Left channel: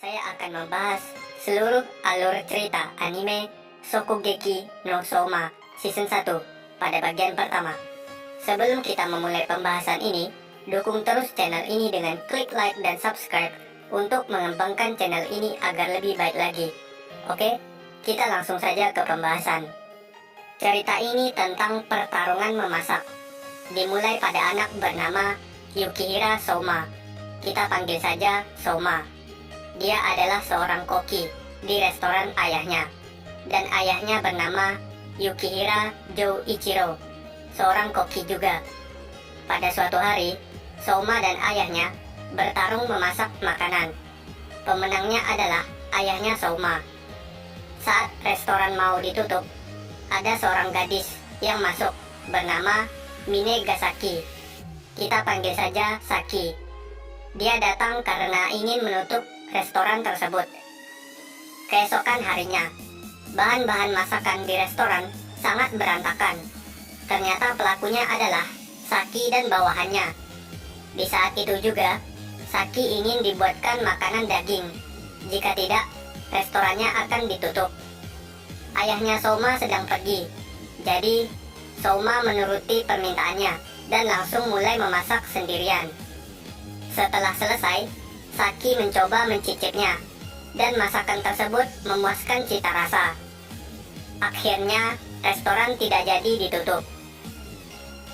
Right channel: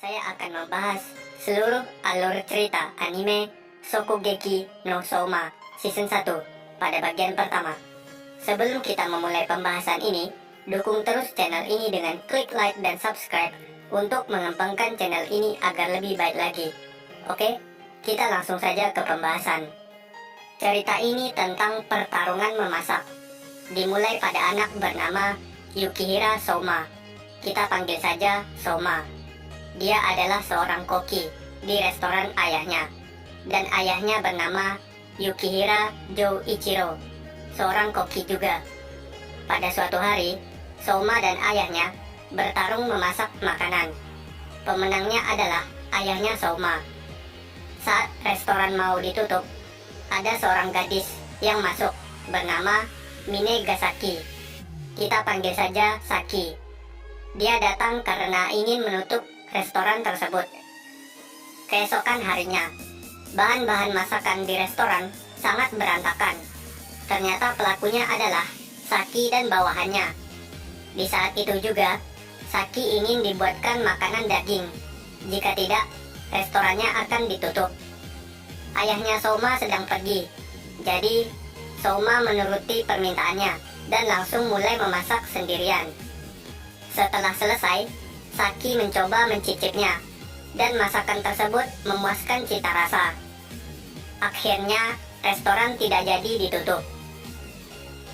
Saya akan membahas seluruh alur cerita anime Shokugeki no Soma Season 1 pada bagian pertama. Sebelum kita memulai pembahasan ini, dukung terus channel ini dengan klik like dan subscribe untuk mengembangkan channel ini agar lebih baik lagi. Oke, kita langsung saja ke pembahasan. Cerita ini tentang pertarungan memasak. Dimulai pada anak bernama Yukihira Soma. Kita panggil saja Soma. Dia adalah seorang koki di restoran ayahnya. Dan ayahnya bernama Yukihira Ichiro, seorang koki juga. Pada suatu hari, Soma dan ayahnya bertarung memasak makanan. Pemenangnya adalah ayahnya Soma. Saat restoran mau ditutup, ada seorang gadis yang masuk bernama Minegasaki. Kita panggil saja Saki. Dia datang karena ingin menutup restoran tersebut. Keesokan harinya, bahan-bahan masakan di restoran sangat berantakan. Ternyata pelakunya adalah Saki dan bawahannya. Di saat itu juga, Saki ingin dibuatkan makanan daging. Jika tidak, restorannya akan ditutup. Ayahnya Soma sedang pergi, jadi Soma menuruti permintaannya dan langsung mulai memasak sendirian. Setelah selesai, Saki mencoba mencicipnya, dan masakan tersebut memuaskan cita rasa. Akhirnya, restoran tidak jadi ditutup.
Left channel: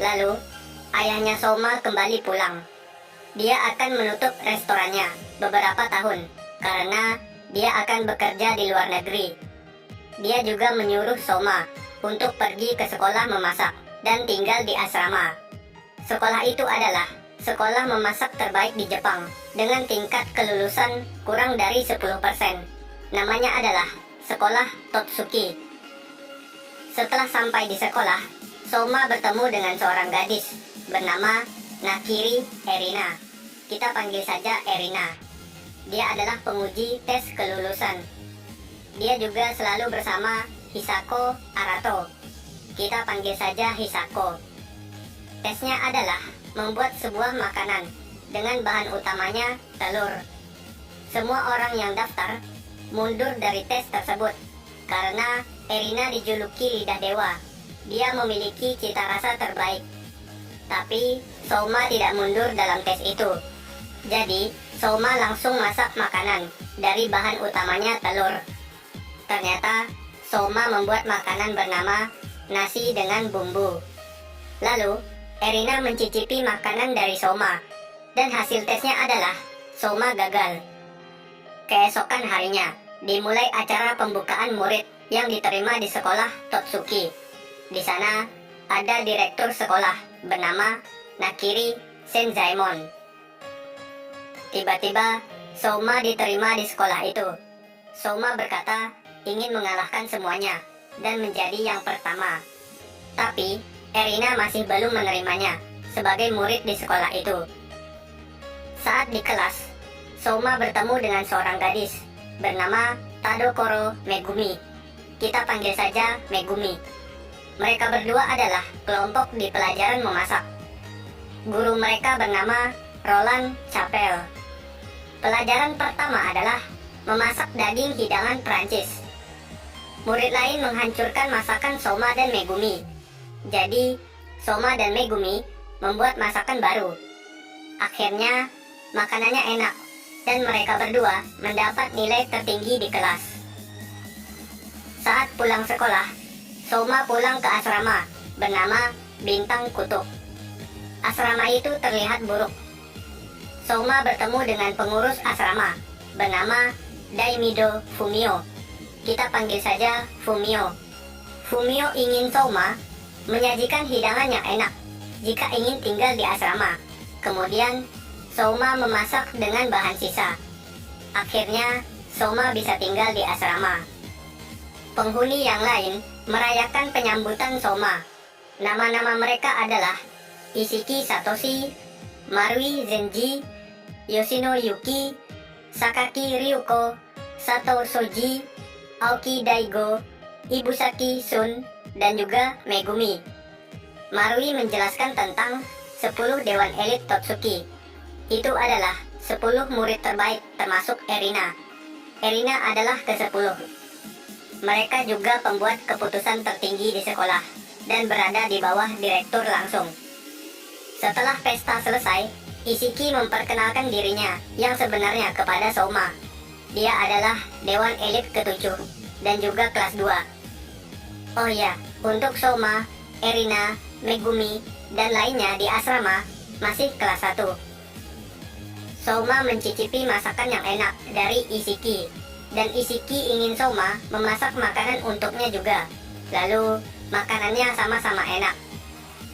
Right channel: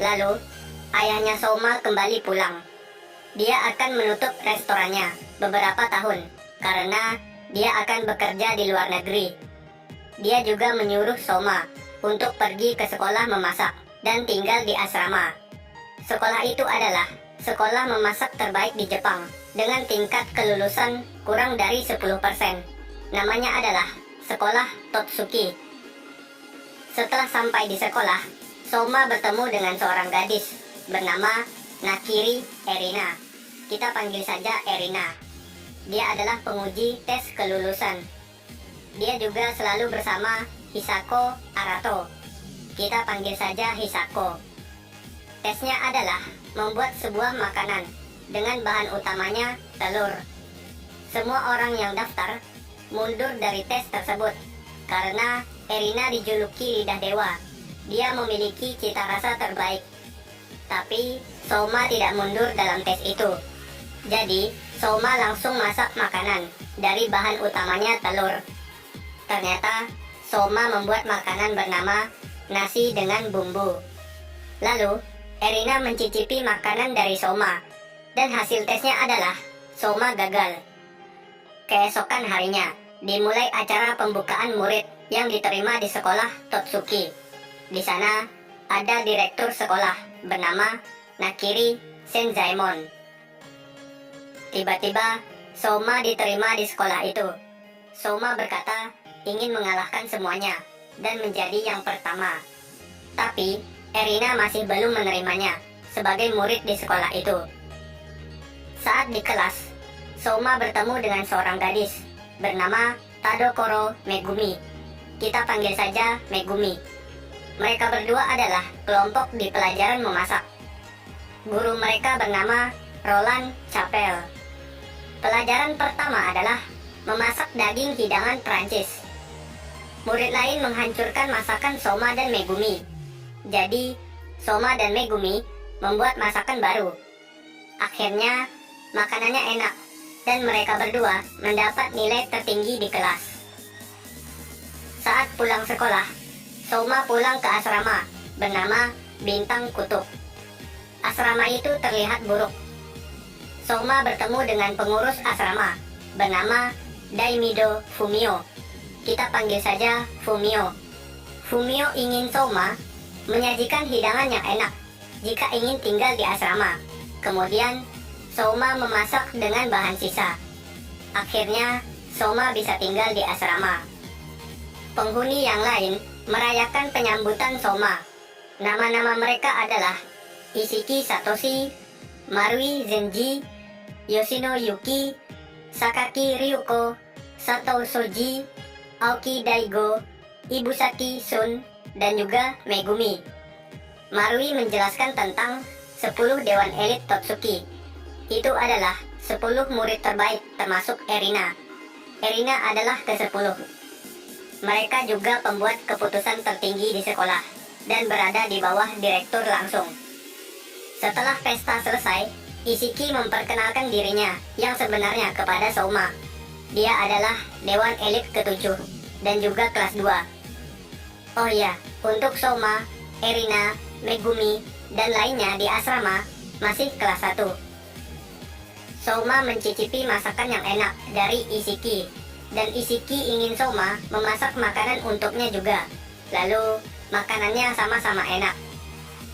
Lalu, ayahnya Soma kembali pulang. Dia akan menutup restorannya beberapa tahun, karena dia akan bekerja di luar negeri. Dia juga menyuruh Soma untuk pergi ke sekolah memasak dan tinggal di asrama. Sekolah itu adalah sekolah memasak terbaik di Jepang dengan tingkat kelulusan kurang dari 10%. Namanya adalah Sekolah Totsuki. Setelah sampai di sekolah, Soma bertemu dengan seorang gadis bernama Nakiri Erina. Kita panggil saja Erina. Dia adalah penguji tes kelulusan. Dia juga selalu bersama Hisako Arato. Kita panggil saja Hisako. Tesnya adalah membuat sebuah makanan dengan bahan utamanya telur. Semua orang yang daftar mundur dari tes tersebut karena Erina dijuluki lidah dewa. Dia memiliki cita rasa terbaik. Tapi Soma tidak mundur dalam tes itu. Jadi Soma langsung masak makanan dari bahan utamanya telur. Ternyata Soma membuat makanan bernama nasi dengan bumbu. Lalu Erina mencicipi makanan dari Soma, dan hasil tesnya adalah Soma gagal. Keesokan harinya, dimulai acara pembukaan murid yang diterima di sekolah Totsuki. Di sana, ada direktur sekolah bernama Nakiri Senzaemon. Tiba-tiba, Soma diterima di sekolah itu. Soma berkata ingin mengalahkan semuanya dan menjadi yang pertama. Tapi, Erina masih belum menerimanya sebagai murid di sekolah itu. Saat di kelas, Soma bertemu dengan seorang gadis bernama Tadokoro Megumi. Kita panggil saja Megumi. Mereka berdua adalah kelompok di pelajaran memasak. Guru mereka bernama Roland Chapelle. Pelajaran pertama adalah memasak daging hidangan Prancis. Murid lain menghancurkan masakan Soma dan Megumi. Jadi, Soma dan Megumi membuat masakan baru. Akhirnya, makanannya enak, dan mereka berdua mendapat nilai tertinggi di kelas. Saat pulang sekolah, Soma pulang ke asrama bernama Bintang Kutub. Asrama itu terlihat buruk. Soma bertemu dengan pengurus asrama bernama Daimido Fumio. Kita panggil saja Fumio. Fumio ingin Soma menyajikan hidangan yang enak jika ingin tinggal di asrama. Kemudian, Soma memasak dengan bahan sisa. Akhirnya, Soma bisa tinggal di asrama. Penghuni yang lain merayakan penyambutan Soma. Nama-nama mereka adalah Ishiki Satoshi, Marui Zenji, Yoshino Yuki, Sakaki Ryuko, Sato Soji, Aoki Daigo, Ibusaki Sun, dan juga Megumi. Marui menjelaskan tentang 10 dewan elit Totsuki. Itu adalah 10 murid terbaik termasuk Erina. Erina adalah ke-10. Mereka juga pembuat keputusan tertinggi di sekolah dan berada di bawah direktur langsung. Setelah pesta selesai, Isiki memperkenalkan dirinya yang sebenarnya kepada Souma. Dia adalah Dewan Elit ke-7 dan juga kelas 2. Oh ya, untuk Souma, Erina, Megumi, dan lainnya di asrama masih kelas 1. Souma mencicipi masakan yang enak dari Isiki, dan Isiki ingin Souma memasak makanan untuknya juga. Lalu, makanannya sama-sama enak.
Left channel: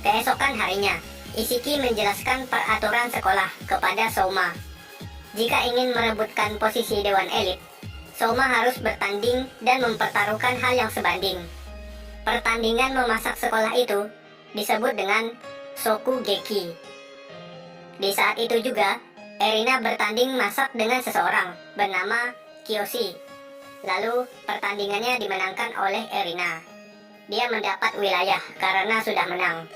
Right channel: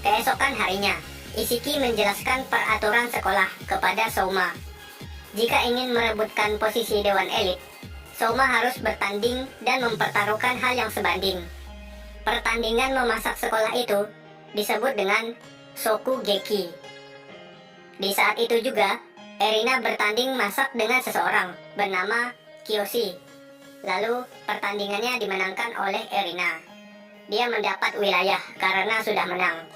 Keesokan harinya, Isiki menjelaskan peraturan sekolah kepada Souma. Jika ingin merebutkan posisi Dewan Elit, Souma harus bertanding dan mempertaruhkan hal yang sebanding. Pertandingan memasak sekolah itu disebut dengan Shokugeki. Di saat itu juga, Erina bertanding masak dengan seseorang bernama Kiyoshi. Lalu, pertandingannya dimenangkan oleh Erina. Dia mendapat wilayah karena sudah menang.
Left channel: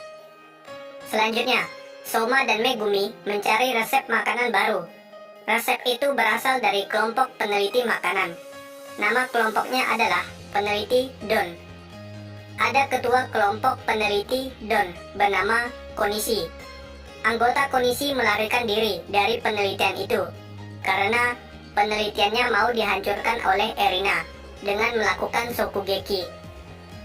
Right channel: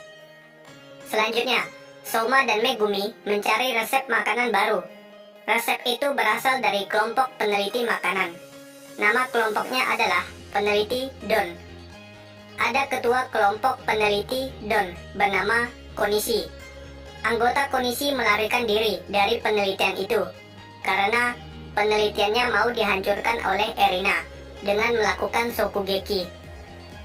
Selanjutnya, Souma dan Megumi mencari resep makanan baru. Resep itu berasal dari kelompok peneliti makanan. Nama kelompoknya adalah peneliti Don. Ada ketua kelompok peneliti Don bernama Konishi. Anggota Konishi melarikan diri dari penelitian itu karena penelitiannya mau dihancurkan oleh Erina dengan melakukan Shokugeki.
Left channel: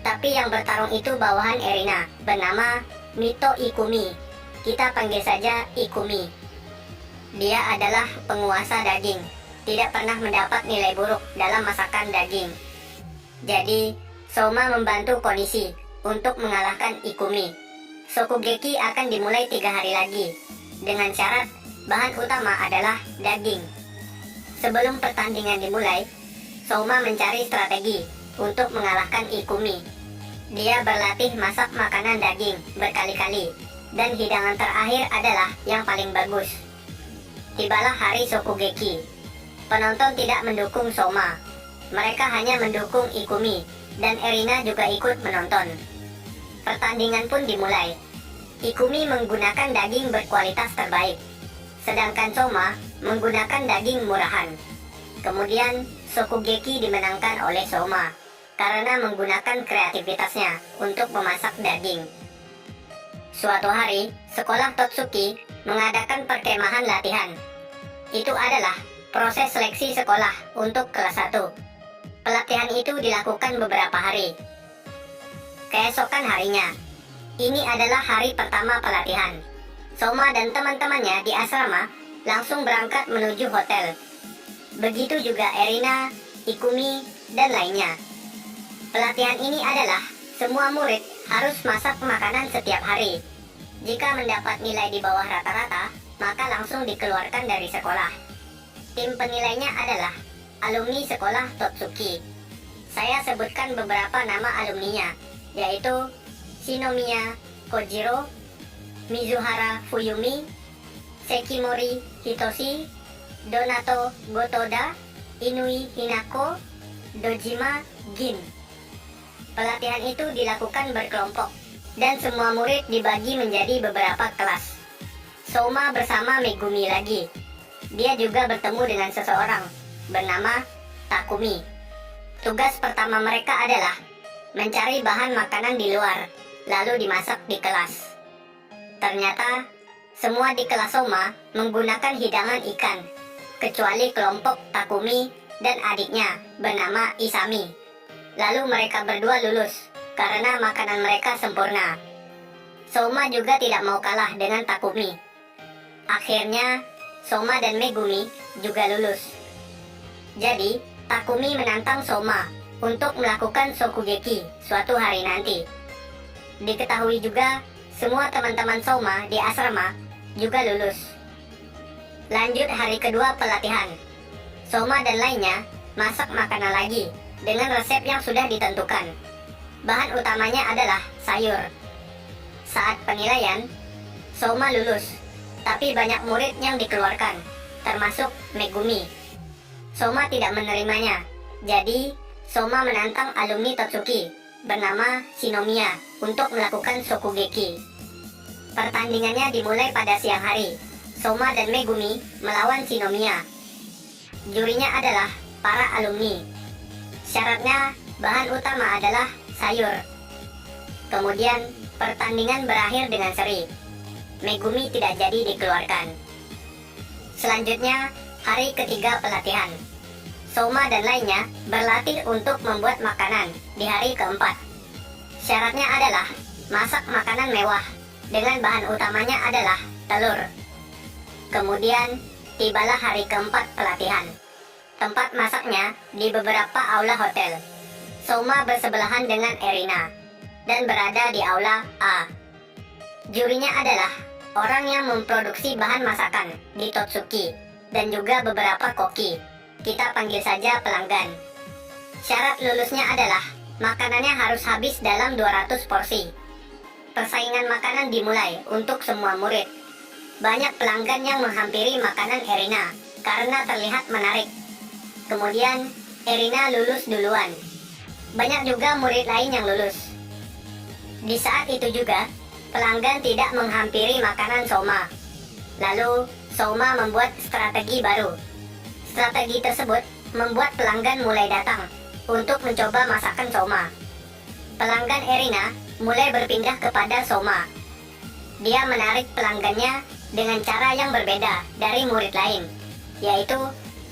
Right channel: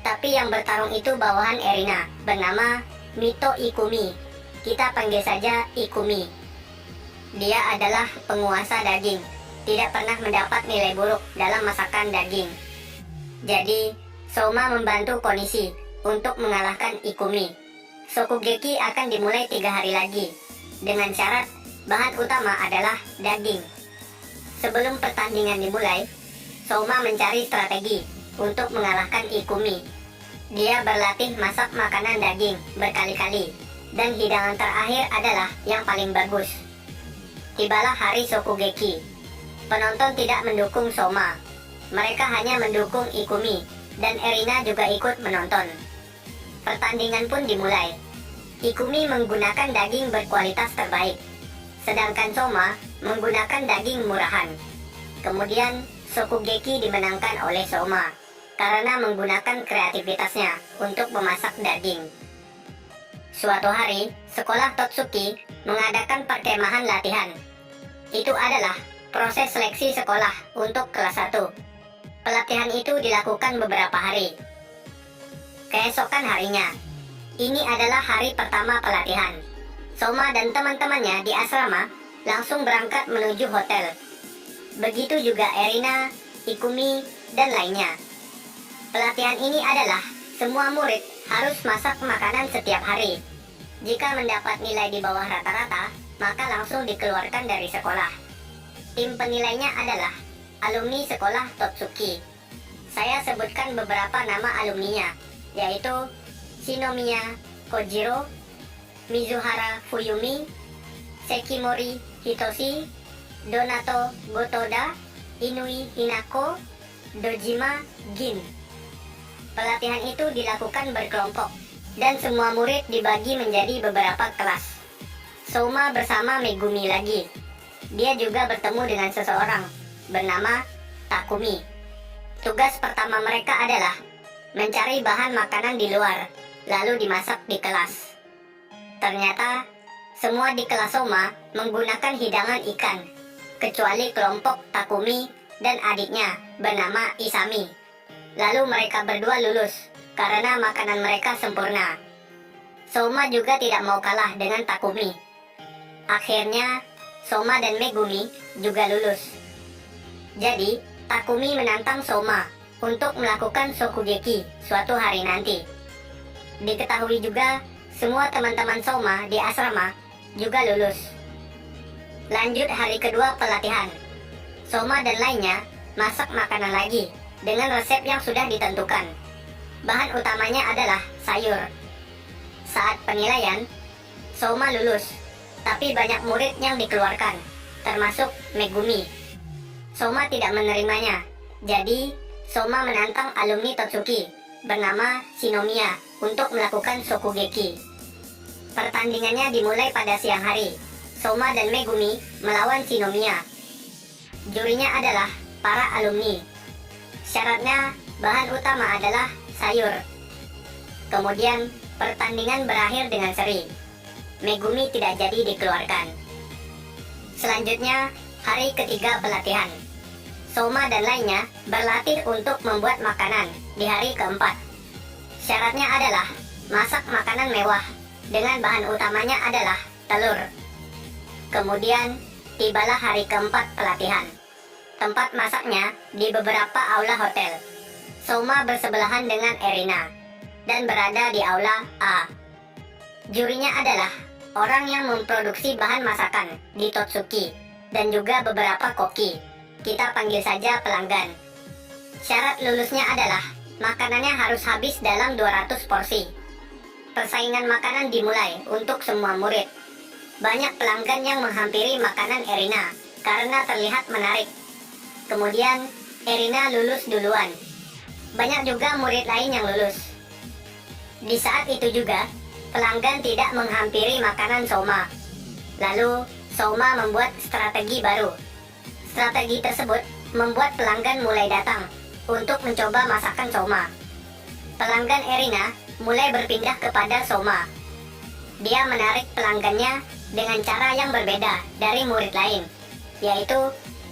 Tapi yang bertarung itu bawahan Erina bernama Mito Ikumi. Kita panggil saja Ikumi. Dia adalah penguasa daging, tidak pernah mendapat nilai buruk dalam masakan daging. Jadi, Souma membantu Konishi untuk mengalahkan Ikumi. Shokugeki akan dimulai 3 hari lagi, dengan syarat bahan utama adalah daging. Sebelum pertandingan dimulai, Souma mencari strategi untuk mengalahkan Ikumi. Dia berlatih masak makanan daging berkali-kali, dan hidangan terakhir adalah yang paling bagus. Tibalah hari Shokugeki. Penonton tidak mendukung Souma. Mereka hanya mendukung Ikumi, dan Erina juga ikut menonton. Pertandingan pun dimulai. Ikumi menggunakan daging berkualitas terbaik, sedangkan Souma menggunakan daging murahan. Kemudian, Shokugeki dimenangkan oleh Souma karena menggunakan kreativitasnya untuk memasak daging. Suatu hari, sekolah Totsuki mengadakan perkemahan latihan. Itu adalah proses seleksi sekolah untuk kelas 1. Pelatihan itu dilakukan beberapa hari. Keesokan harinya, ini adalah hari pertama pelatihan. Souma dan teman-temannya di asrama langsung berangkat menuju hotel. Begitu juga Erina, Ikumi, dan lainnya. Pelatihan ini adalah semua murid harus masak makanan setiap hari. Jika mendapat nilai di bawah rata-rata, maka langsung dikeluarkan dari sekolah. Tim penilainya adalah alumni sekolah Totsuki. Saya sebutkan beberapa nama alumninya, yaitu Shinomiya Kojiro, Mizuhara Fuyumi, Sekimori Hitoshi, Donato Gotoda, Inui Hinako, Dojima Gin. Pelatihan itu dilakukan berkelompok, dan semua murid dibagi menjadi beberapa kelas. Souma bersama Megumi lagi. Dia juga bertemu dengan seseorang bernama Takumi. Tugas pertama mereka adalah mencari bahan makanan di luar, lalu dimasak di kelas. Ternyata, semua di kelas Souma menggunakan hidangan ikan, kecuali kelompok Takumi dan adiknya bernama Isami. Lalu mereka berdua lulus, karena makanan mereka sempurna. Souma juga tidak mau kalah dengan Takumi. Akhirnya, Souma dan Megumi juga lulus. Jadi, Takumi menantang Souma untuk melakukan Shokugeki suatu hari nanti. Diketahui juga, semua teman-teman Souma di asrama juga lulus. Lanjut hari kedua pelatihan. Souma dan lainnya masak makanan lagi dengan resep yang sudah ditentukan. Bahan utamanya adalah sayur. Saat penilaian, Souma lulus, tapi banyak murid yang dikeluarkan, termasuk Megumi. Souma tidak menerimanya, jadi Souma menantang alumni Totsuki bernama Shinomiya untuk melakukan Shokugeki. Pertandingannya dimulai pada siang hari. Souma dan Megumi melawan Shinomiya. Jurinya adalah para alumni. Syaratnya, bahan utama adalah sayur. Kemudian, pertandingan berakhir dengan seri. Megumi tidak jadi dikeluarkan. Selanjutnya, hari ketiga pelatihan. Soma dan lainnya berlatih untuk membuat makanan di hari keempat. Syaratnya adalah masak makanan mewah dengan bahan utamanya adalah telur. Kemudian, tibalah hari keempat pelatihan. Tempat masaknya di beberapa aula hotel. Soma bersebelahan dengan Erina dan berada di aula A. Jurinya adalah orang yang memproduksi bahan masakan di Totsuki dan juga beberapa koki. Kita panggil saja pelanggan. Syarat lulusnya adalah makanannya harus habis dalam 200 porsi. Persaingan makanan dimulai untuk semua murid. Banyak pelanggan yang menghampiri makanan Erina karena terlihat menarik. Kemudian, Erina lulus duluan. Banyak juga murid lain yang lulus. Di saat itu juga, pelanggan tidak menghampiri makanan Soma. Lalu, Soma membuat strategi baru. Strategi tersebut membuat pelanggan mulai datang untuk mencoba masakan Soma. Pelanggan Erina mulai berpindah kepada Soma. Dia menarik pelanggannya dengan cara yang berbeda dari murid lain, yaitu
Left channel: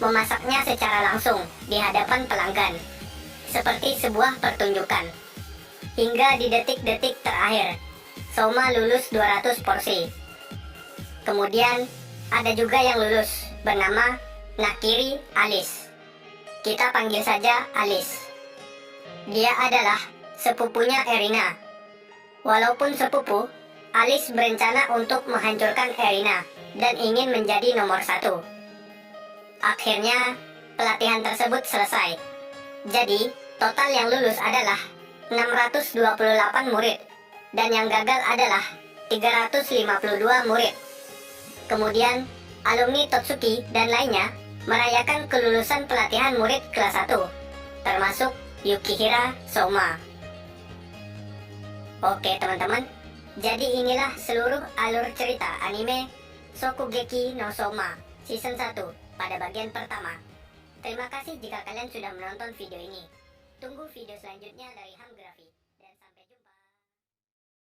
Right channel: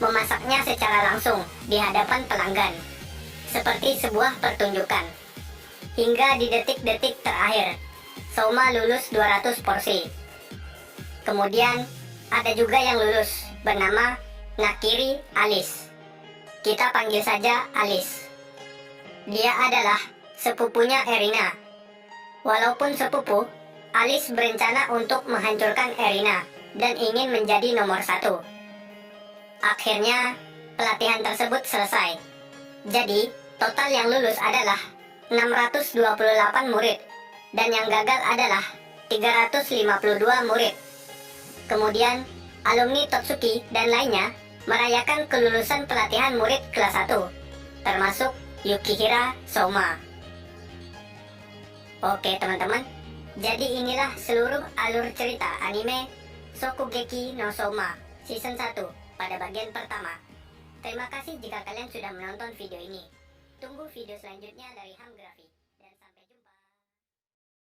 memasaknya secara langsung di hadapan pelanggan, seperti sebuah pertunjukan. Hingga di detik-detik terakhir, Soma lulus 200 porsi. Kemudian, ada juga yang lulus, bernama Nakiri Alice. Kita panggil saja Alice. Dia adalah sepupunya Erina. Walaupun sepupu, Alice berencana untuk menghancurkan Erina dan ingin menjadi nomor 1. Akhirnya, pelatihan tersebut selesai. Jadi, total yang lulus adalah 628 murid dan yang gagal adalah 352 murid. Kemudian, alumni Totsuki dan lainnya merayakan kelulusan pelatihan murid kelas 1, termasuk Yukihira Soma. Oke teman-teman, jadi inilah seluruh alur cerita anime Shokugeki no Soma Season 1 pada bagian pertama. Terima kasih jika kalian sudah menonton video ini. Tunggu video selanjutnya dari Ham Graphic.